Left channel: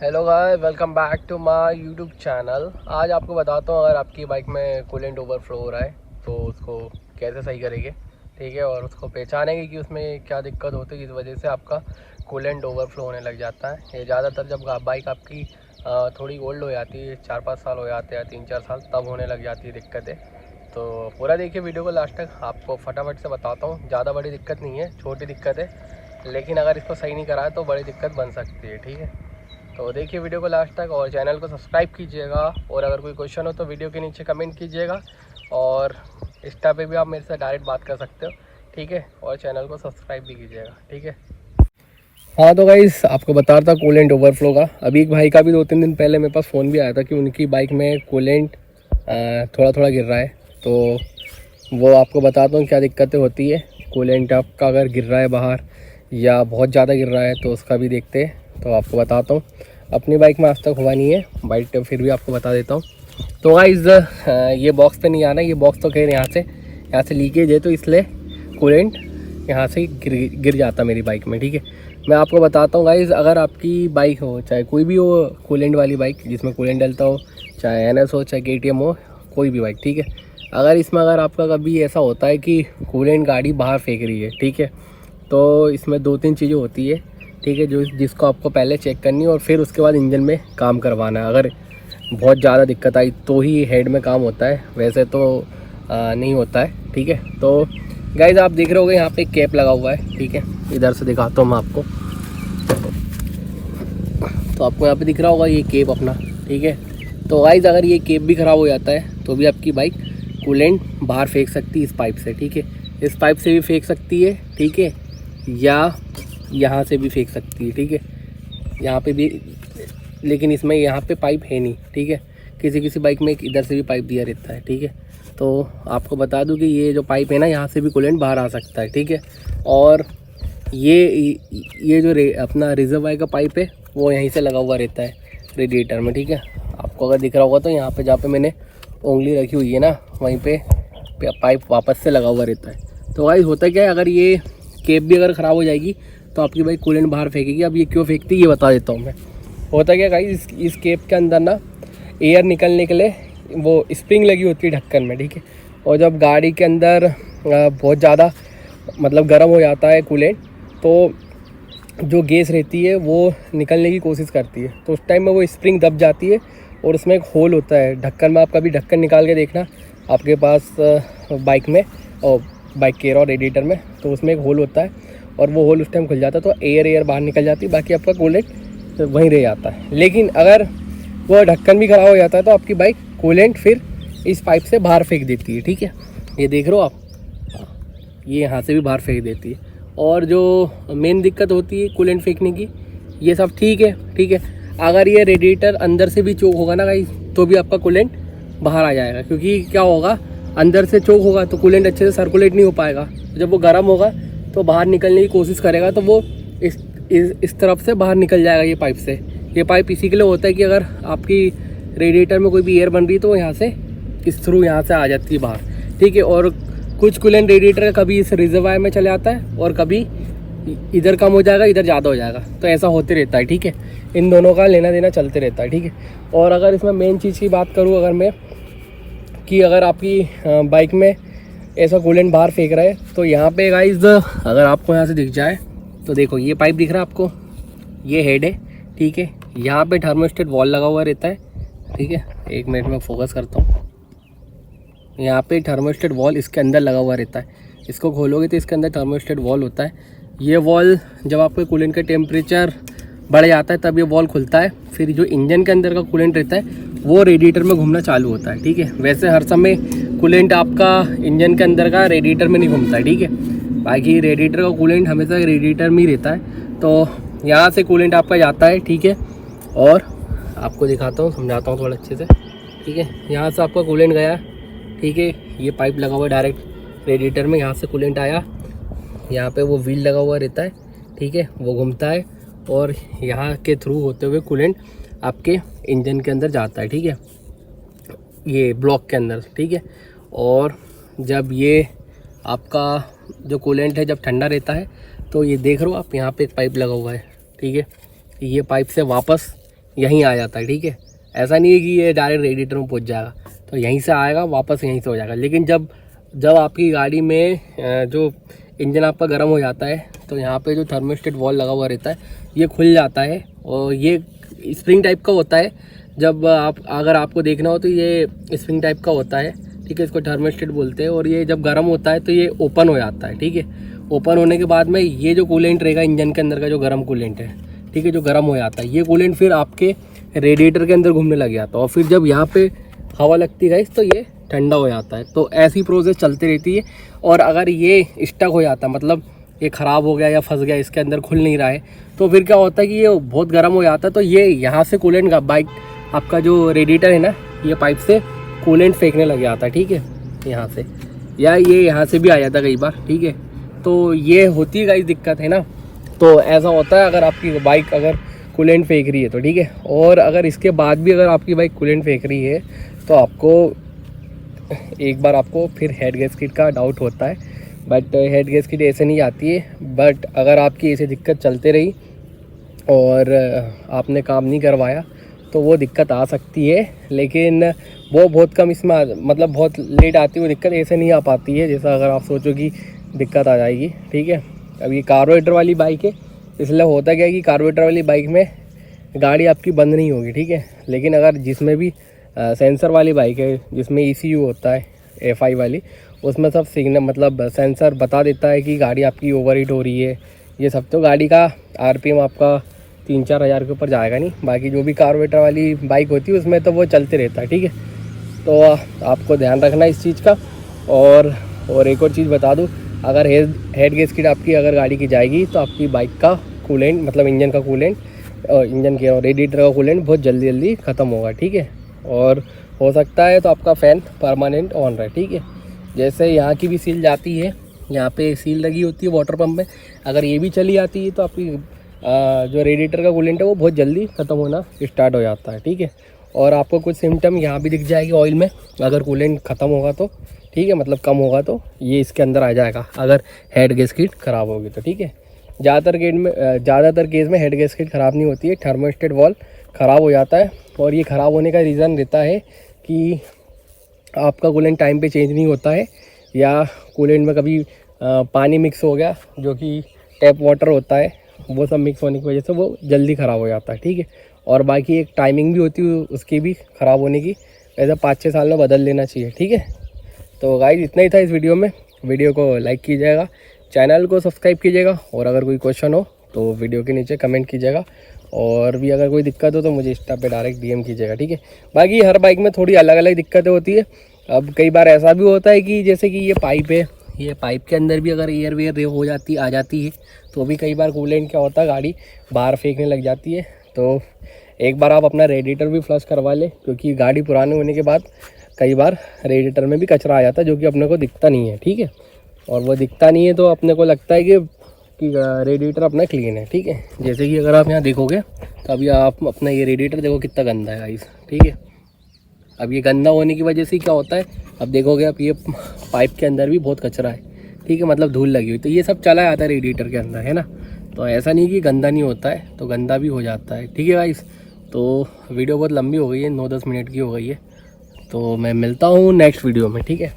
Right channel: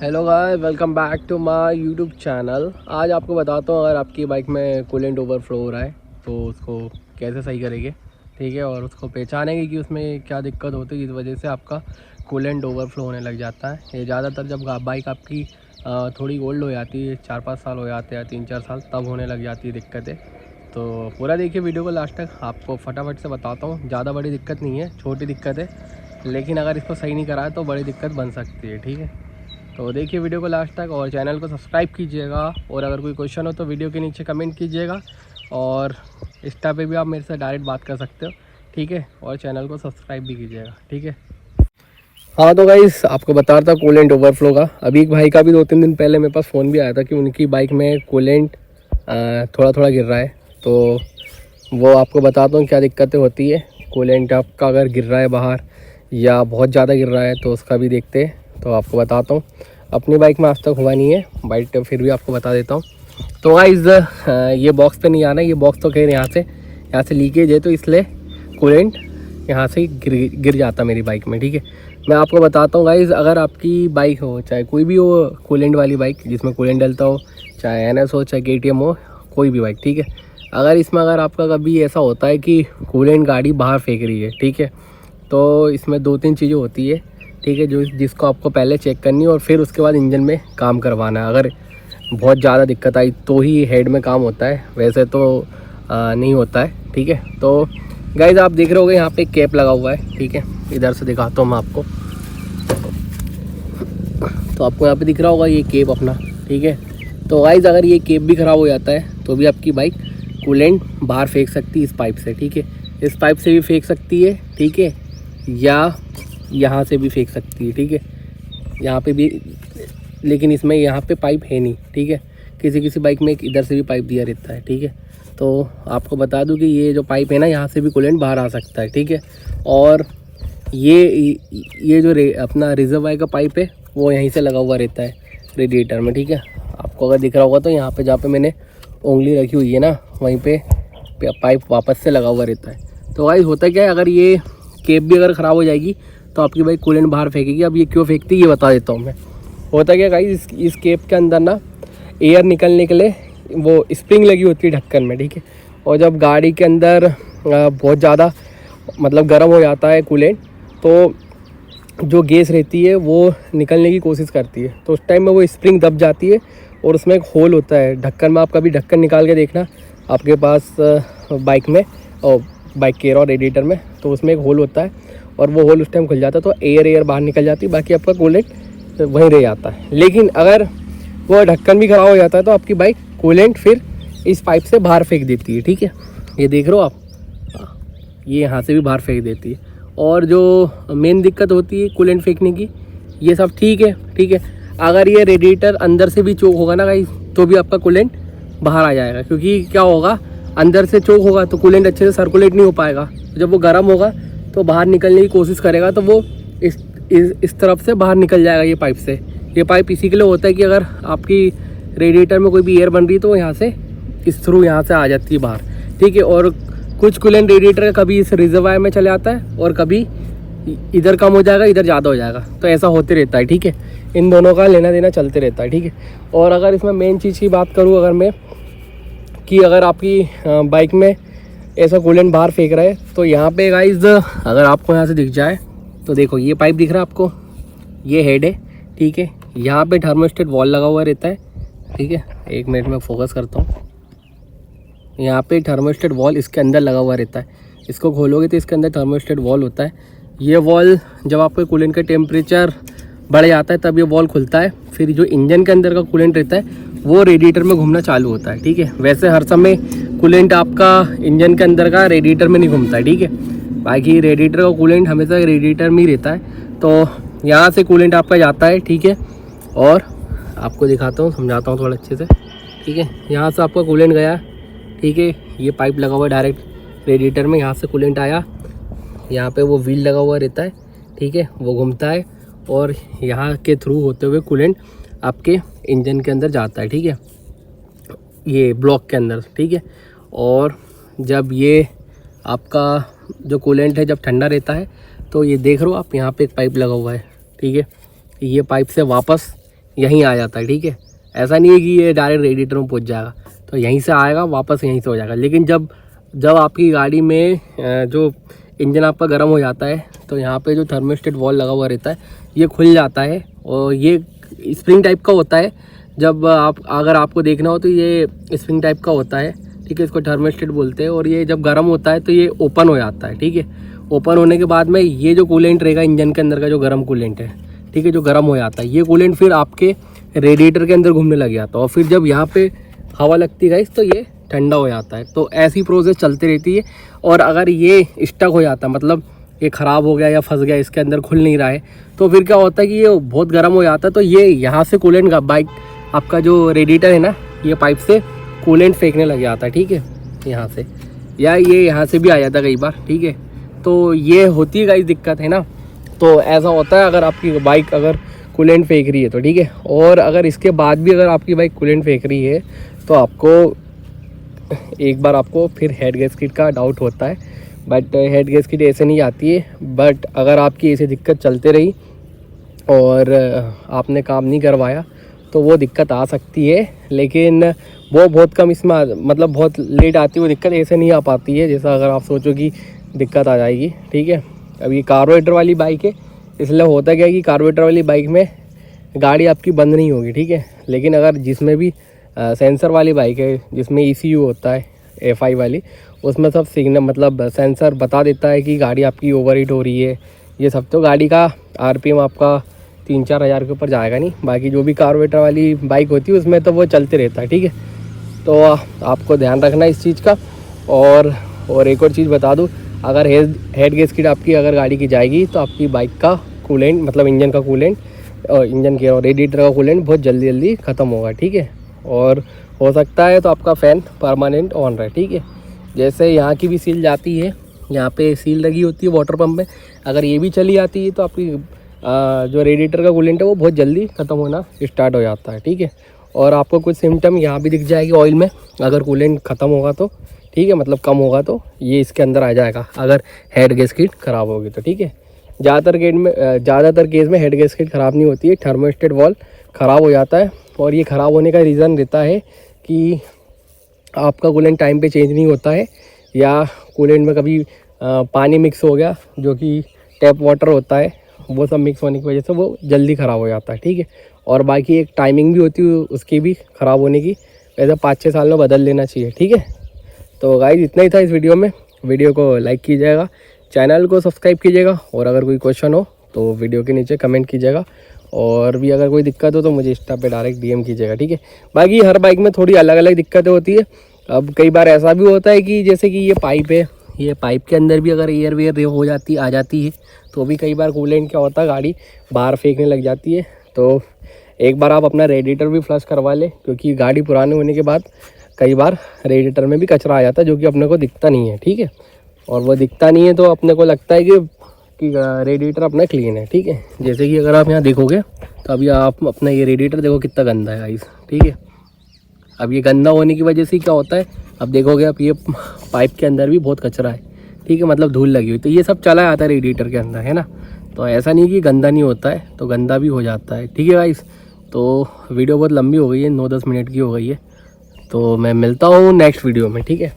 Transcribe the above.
Hello guys, welcome back to my YouTube channel. आज आपको बताता हूँ अगर आपकी बाइक में कूलेंट ओवरफ्लो हो रहा है तो उसको कैसे सही करेंगे, ठीक है। और उसको पहचानेंगे कि उसमें क्या दिक्कत होती है जिस वजह से आपका कूलेंट ओवरफ्लो होने लग जाता है। ये ज़्यादातर जब बाइक आपकी थोड़ी ओल्ड हो जाती है, 4-5 साल हो जाते हैं, 3-4 साल, तब होने लग जाती है दिक्कतें। तो पूरा देखिए वीडियो को लास्ट तक, आपको फटाफट से बताता हूँ। ज़्यादा बड़ी दिक्कत नहीं है, छोटी दिक्कत है, लेकिन अगर इसको सही नहीं कराए तो बड़ी दिक्कत बन सकती है, ठीक है। तो देखिए वीडियो को लास्ट तक और चैनल को सब्सक्राइब कीजिएगा। और अगर कोई क्वेश्चन हो तो वीडियो के नीचे कमेंट कीजिएगा और इंस्टा पे भी आप मेरे से डायरेक्ट बात कर सकते हो, ठीक है। और चैनल को सब्सक्राइब भी कीजिएगा, ठीक है। हाँ तो गाइस, आपको बता रहा था कूलेंट ओवरफ्लो का। अभी एक भाई का भी 2-3 दिन पहले मेरे पास फ़ोन भी आया था कि उनकी बाइक में कूलेंट थोड़ा थोड़ा गिर रहा है। तो वो आपको बताता हूँ क्या दिक्कतें होती है। कूलेंट आपका अगर गिर रहा है बाहर या बहुत ज़्यादा गिर रहा है तो उसका भी देखते हैं। तो आपको बताता हूँ, अपनी बाइक में आज तक हुआ नहीं है, बाइक फिर भी आपको बता देता हूँ। तो गाइस, ये बॉक्स पे नहीं आना, ये बॉक्स तो खैर यहाँ से लीकेज है, तो इसलिए कूलेंट यहाँ से गिर जाता मेरी बाइक में, ठीक है। मैं आपको बताता हूँ गाइस, अगर आपकी बाइक हो, चाहे कोई भी हो कूलेंट वाली बाइक जिसमें कूलेंट डलता हो, चाहे NS हो, चाहे KTM हो, कोई भी बाइक, ठीक है। अगर आपका कभी ऐसा होता है कि कूलेंट गाड़ी बाहर फेंक रही है, ठीक है, तो इसमें 2-3 चीज़ें होती है, ठीक है, जिसको आपको पहले चेक करनी है और फिर उसके बाद इंजन में काम करवाना है। अगर बहुत ज़्यादा दिक्कत आई तो ही हेड में काम होता है, वैसे तो नहीं होता है, ठीक है। तो गाइज आप देख रहे होगे यहाँ पे कैप लगा हुआ है, ठीक है। इधर से दिखाता हूँ मैं आपको, तो आपको यहाँ पे दिख रहा होगा ये केप अपना, ठीक है। तो गाइज अगर ये केप भी ख़राब हो जाता है तो भी आपकी बाइक कूलेंट बाहर फेंक सकती है इस पाइप से, ठीक है। इस पाइप से भी फेंक सकती है, ठीक है, या यहाँ से भी फेंक सकती है, ठीक है, यहाँ पे भी। लेकिन इसमें यहाँ पे पाइप है नहीं, ठीक है। किसी बाइक में एक इधर से भी पाइप दिया रहता है, ठीक है। तो आपको बता दूं कि ये जो पाइप है ना, यहाँ से भी कूलेंट बाहर आ सकता है, ठीक है। और ये जो अपना रिजर्वायर का पाइप है वो यहीं से लगा हुआ रहता है रेडिएटर में, ठीक है। आपको अगर दिख रहा होगा तो यहाँ पे जहाँ पे मैंने उंगली रखी हुई है ना, वहीं पे पाइप वापस से लगा हुआ रहता है। तो भाई होता क्या है, अगर ये केप भी अगर ख़राब हो जाएगी तो आपकी बाइक कूलेंट बाहर फेंकेगी। अब ये क्यों फेंकती है ये बता देता हूँ मैं। होता क्या गाइस, इस केप के अंदर ना एयर निकलने के लिए वो स्प्रिंग लगी होती है ढक्कन में, ठीक है। और जब गाड़ी के अंदर बहुत ज़्यादा मतलब गर्म हो जाता है कूलेंट, तो जो गैस रहती है वो निकलने की कोशिश करती है, तो उस टाइम में वो स्प्रिंग दब जाती है और उसमें एक होल होता है ढक्कन में। आप कभी ढक्कन निकाल के देखना आपके पास बाइक में, और बाइक के और रेडिएटर में, तो उसमें एक होल होता है और वो होल उस टाइम खुल जाता है तो एयर बाहर निकल जाती है, बाकी आपका कूलेंट वहीं रह जाता है। लेकिन अगर वो ढक्कन भी खराब हो जाता है तो आपकी बाइक कूलेंट फिर इस पाइप से बाहर फेंक देती है, ठीक है। ये देख रहे हो आप, ये यहाँ से भी बाहर फेंक देती है। और जो मेन दिक्कत होती है कूलेंट फेंकने की, ये सब ठीक है, ठीक है। अगर ये रेडिएटर अंदर से भी चोक होगा ना गाइस, तो भी आपका कूलेंट बाहर आ जाएगा, क्योंकि क्या होगा, अंदर से चोक होगा तो कूलेंट अच्छे से सर्कुलेट नहीं हो पाएगा। जब वो गर्म होगा तो बाहर निकलने की कोशिश करेगा, तो वो इस तरफ से बाहर निकल जाएगा ये पाइप से। ये पाइप इसी के लिए होता है कि अगर आपकी रेडिएटर में कोई भी एयर बन रही है तो यहाँ से इस थ्रू यहाँ से आ जाती है बाहर, ठीक है। और कुछ कूलेंट रेडिएटर कभी इस रिजर्वायर में चले आता है और कभी इधर कम हो जाएगा, इधर ज़्यादा हो जाएगा, तो ऐसा होते रहता है, ठीक है। इन दोनों का लेना देना चलते रहता है, ठीक है। और अगर इसमें मेन चीज़ की बात करूँ अगर मैं, कि अगर आपकी बाइक में ऐसा कूलेंट बाहर फेंक रहा है, तो यहाँ पे गाइज अगर आपको यहाँ से दिख जाए तो देखो ये पाइप दिख रहा है आपको, ये हेड है, ठीक है। यहाँ पे थर्मोस्टेट वॉल लगा हुआ रहता है, ठीक है। एक मिनट में फोकस करता हूँ। यहाँ पे थर्मोस्टेट वॉल इसके अंदर लगा हुआ रहता है, इसको खोलोगे तो इसके अंदर थर्मोस्टेट वॉल होता है। ये वॉल जब आपके कूलेंट का टेम्परेचर बढ़ जाता है तब ये वॉल खुलता है, फिर जो इंजन के अंदर का कूलेंट रहता है वो रेडिएटर में घूमना चालू होता है, ठीक है। वैसे हर समय कूलेंट आपका इंजन के अंदर का रेडिएटर में नहीं घूमता है, ठीक है। बाकी रेडिएटर का कूलेंट हमेशा रेडिएटर में ही रहता है। तो यहाँ से कूलेंट आपका जाता है, ठीक है। और आपको दिखाता हूँ, समझाता हूँ थोड़ा अच्छे से, ठीक है। यहाँ से आपका कूलेंट गया, ठीक है, ये पाइप लगा हुआ है डायरेक्ट रेडिएटर में, यहाँ से कूलेंट आया, यहाँ पे वो व्हील लगा हुआ रहता है, ठीक है, वो घूमता है और यहाँ के थ्रू होते हुए कूलेंट आपके इंजन के अंदर जाता है, ठीक है, ये ब्लॉक के अंदर, ठीक है। और जब ये आपका जो कूलेंट है जब ठंडा रहता है तो ये देख रहे हो आप, यहाँ पे एक पाइप लगा हुआ है, ठीक है। ये पाइप से वापस यहीं आ जाता है, ठीक है। ऐसा नहीं है कि ये डायरेक्ट रेडिएटर में पहुंच जाएगा, तो यहीं से आएगा वापस यहीं से हो जाएगा। लेकिन जब आपकी गाड़ी में जो इंजन आपका गर्म हो जाता है तो यहाँ पे जो थर्मोस्टेट वॉल्व लगा हुआ रहता है ये खुल जाता है, और ये स्प्रिंग टाइप का होता है। जब अगर आपको देखना हो तो ये स्प्रिंग टाइप का होता है, ठीक है। इसको थर्मोस्टेट बोलते हैं। और ये जब गर्म होता है तो ये ओपन हो जाता है, ठीक है। ओपन होने के बाद में ये जो कूलेंट रहेगा इंजन के अंदर का, जो गर्म कूलेंट है, ठीक है, जो गर्म हो जाता है, ये कूलेंट फिर आपके रेडिएटर के अंदर घूमने लग जाता है, और फिर जब यहाँ पे हवा लगती है तो ये ठंडा हो जाता है। तो ऐसी प्रोसेस चलती रहती है। और अगर ये स्टक हो जाता है, मतलब ये ख़राब हो गया या फंस गया, इसके अंदर खुल नहीं रहा है, तो फिर क्या होता है कि ये बहुत गर्म हो जाता है। तो ये यहाँ से कूलेंट का बाइक आपका जो रेडिएटर है ना, ये पाइप से कूलेंट फेंकने लग जाता है, ठीक है, यहाँ से, या ये यहाँ से भी आ जाता है कई बार, ठीक है। तो ये होती है गाइस दिक्कत, है ना। तो ऐसा होता है अगर आपकी बाइक अगर कूलेंट फेंक रही है तो, ठीक है। और अगर इसके बाद भी अगर आपकी बाइक कूलेंट फेंक रही है तो आपको एक बार आपको फिर हेड गैस्केट का डाउट होता है, बट हेड गैस्केट ऐसे नहीं आती है। बट अगर आपकी ऐसी दिक्कत चलते रही और आपने काम नहीं करवाया तो वो दिक्कत आ सकती है, लेकिन वो बहुत कम इसमें मतलब बहुत लेट आती है वो दिक्कत, ऐसे नहीं आ पाती है जैसा अगर आप सोचो कि दिक्कत आ जाएगी, ठीक है। अब ये कार्बोरेटर वाली बाइक है, इसलिए होता क्या है कि कार्बोरेटर वाली बाइक में गाड़ी आपकी बंद नहीं होगी, ठीक है। लेकिन अगर जिसमें भी सेंसर वाली बाइक है, जिसमें ECU होता है FI वाली, उसमें सब सिग्नल मतलब सेंसर बता देता है कि गाड़ी आपकी ओवरहीट हो रही है, ये सब। तो गाड़ी का RPM आपका 3-4 हज़ार के ऊपर जाएगा नहीं। बाकी जो भी कार्बोरेटर वाली बाइक होती है उसमें तो वो चलते रहता है, ठीक है। तो आपको ध्यान रखना इस चीज़ का। और एक और चीज़ बता दूँ, अगर हेड गैस्केट आपकी अगर गाड़ी की जाएगी तो आपकी बाइक का कूलेंट मतलब इंजन का कूलेंट, इंजन के और रेडिएटर का कूलेंट बहुत जल्दी ख़त्म होगा, ठीक है। और हो सकता है तो आपका फ़ैन परमानेंट ऑन रहे, ठीक है। जैसे यहाँ की भी सील जाती है, यहाँ पे सील लगी होती है वाटर पंप में, अगर ये भी चली जाती है तो आपकी जो रेडिएटर का कूलेंट है वो बहुत जल्दी ख़त्म होना स्टार्ट हो जाता है, ठीक है। और आपको कुछ सिम्टम यहाँ भी दिख जाएगी ऑयल में, अगर कूलेंट ख़त्म होगा तो, ठीक है, मतलब कम होगा तो ये इसके अंदर आ जाएगा अगर हेड गैस्केट ख़राब होगी तो, ठीक है। ज़्यादातर केस में हेड गैस्केट ख़राब नहीं होती है, थर्मोस्टेट वॉल्व ख़राब हो जाता है। और ये ख़राब होने का रीज़न रहता है कि आपका कूलेंट टाइम पे चेंज नहीं होता है, या कूलेंट में कभी पानी मिक्स हो गया, जो कि टैप वाटर होता है, वो सब मिक्स होने की वजह से वो जल्दी ख़राब हो जाता है, ठीक है। और बाकी एक टाइमिंग भी होती है उसकी भी ख़राब होने की, वैसे 5-6 साल में बदल लेना चाहिए, ठीक है। तो गाइस इतना ही था इस वीडियो में। वीडियो को लाइक कीजिएगा, चैनल को सब्सक्राइब कीजिएगा, और अगर कोई क्वेश्चन हो तो वीडियो के नीचे कमेंट कीजिएगा, और भी अगर कोई दिक्कत हो तो मुझे इंस्टा पे डायरेक्ट DM कीजिएगा, ठीक है। बाकी हर बाइक में थोड़ी अलग अलग दिक्कतें होती है। अब कई बार ऐसा भी होता है कि जैसे कि ये पाइप है, ये पाइप के अंदर भी अगर एयर वेयर हो जाती आ जाती है तो भी कई बार कूलेंट क्या होता है गाड़ी बाहर फेंकने लग जाती है। तो एक बार आप अपना रेडिएटर भी फ्लश करवा लें, क्योंकि गाड़ी पुराने होने के बाद कई बार रेडिएटर में भी कचरा आ जाता है जो कि अपने को दिखता नहीं है, ठीक है। और वो दिखता नहीं है तो अपने को लगता है कि रेडिएटर अपना क्लीन है, ठीक है। जैसे कि अगर आप यहाँ देखोगे तो अभी आप अपना ये रेडिएटर देखो कितना गंदा है गाइस, ठीक है। अब ये गंदा होने की वजह से क्या होता है, अब देखोगे आप ये पाइप के अंदर भी बहुत कचरा है, ठीक है, मतलब धूल लगी हुई, तो ये सब चला जाता है रेडिएटर के अंदर, है ना। तो ऐसा नहीं कि गंदा नहीं होता है, तो गंदा भी हो जाता है, ठीक है गाइस। तो वीडियो बहुत लंबी हो गई है, 9-10 मिनट की हो गई है, तो मैं मिलता हूँ नेक्स्ट वीडियो में, ठीक है।